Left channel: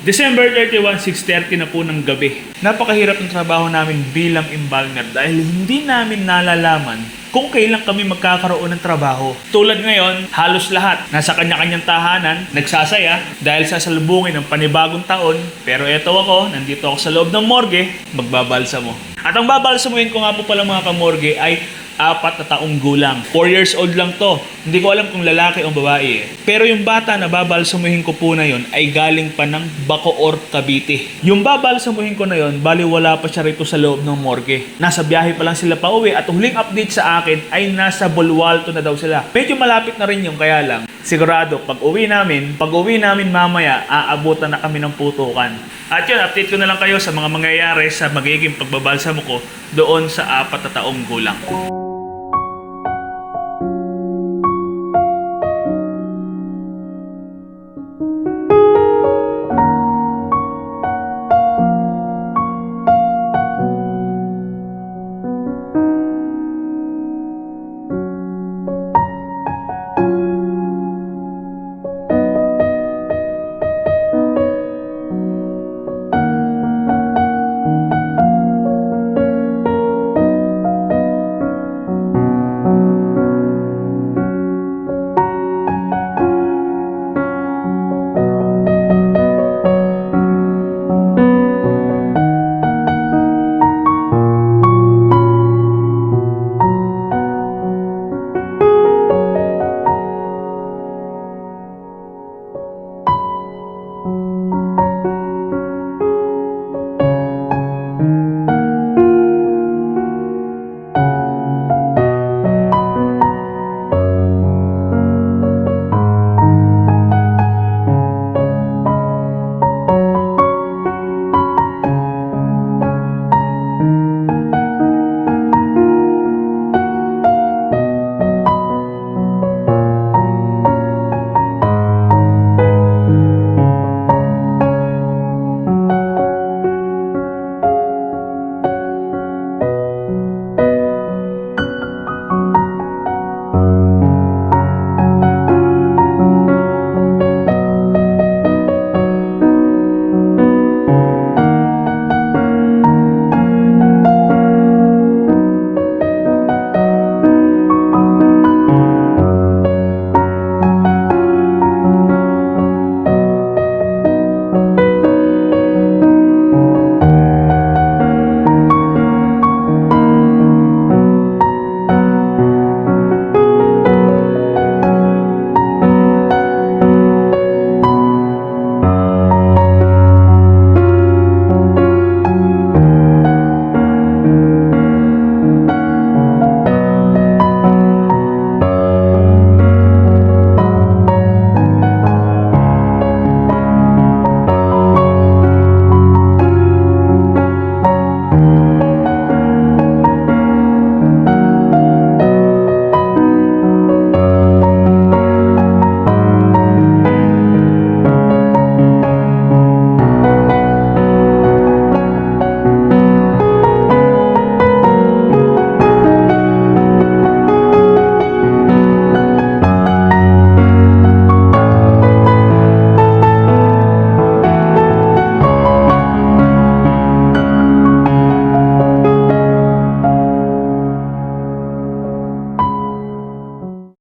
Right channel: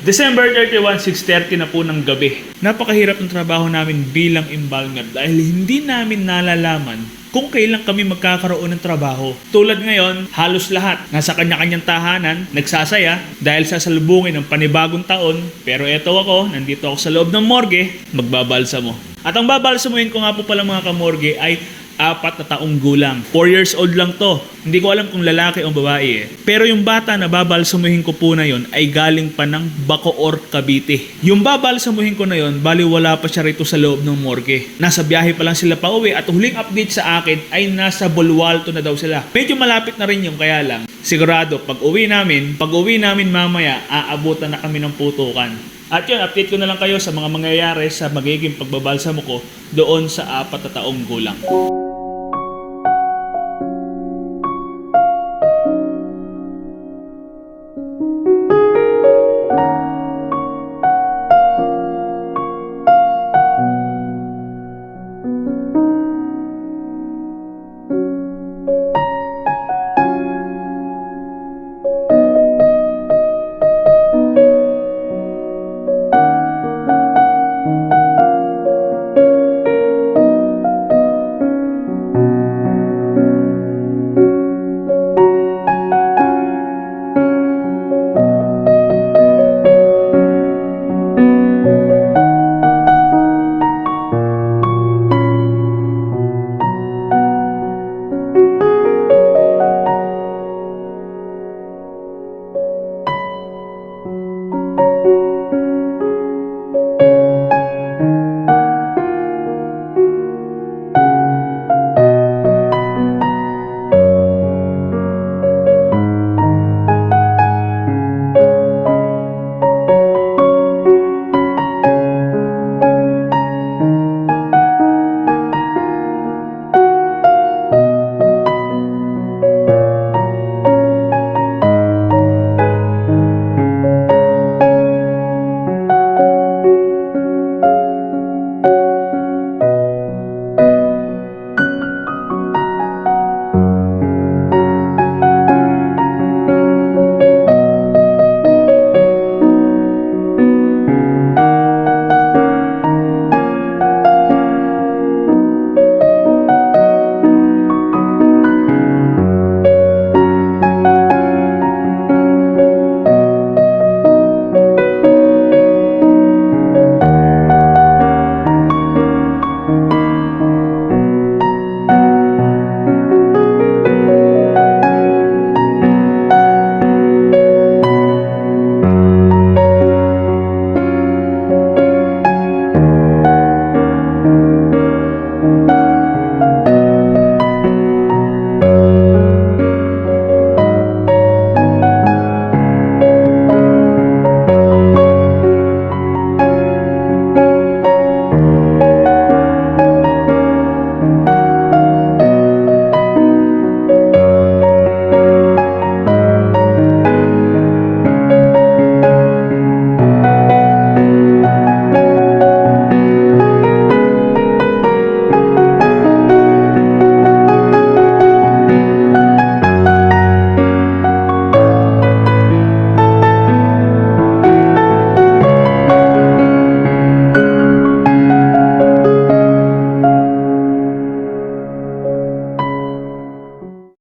December 31, 6:30 na po ng gabi. Napakahirap ng trabaho namin bilang embalmer dahil hindi namin nalalaman kung kailan kami magkakaroon ng trabaho. Tulad ngayon, halos lahat nasa kanya-kanyang tahanan, nagsasaya dahil sasalubungin ng panibagong taon. Pero eto ako, nandito ako sa loob ng morgue, magbabalsamo. At ang babalsamuhin ko nga po pala mga kamorgue ay 4 na taong gulang. 4 years old lang to. Hindi ko alam kung lalaki o babae eh. Pero yung bata na babalsamuhin ko po na yon ay galing pa ng Bacoor, Cavite. Yung babalsamuhin ko na yon, bali wala pa siya rito sa loob ng morgue. Nasa biyahe pa lang sila pa uwi at huling update sa akin ay nasa Bolualto na daw sila. Medyo malapit na rin yung kaya lang. Sigurado, pag uwi namin mamaya, aabutan na kami ng putukan. At yun, update ko na lang kayo sa mga mangyayari sa magiging pagbabalsamo ko doon sa 4 na taong gulang.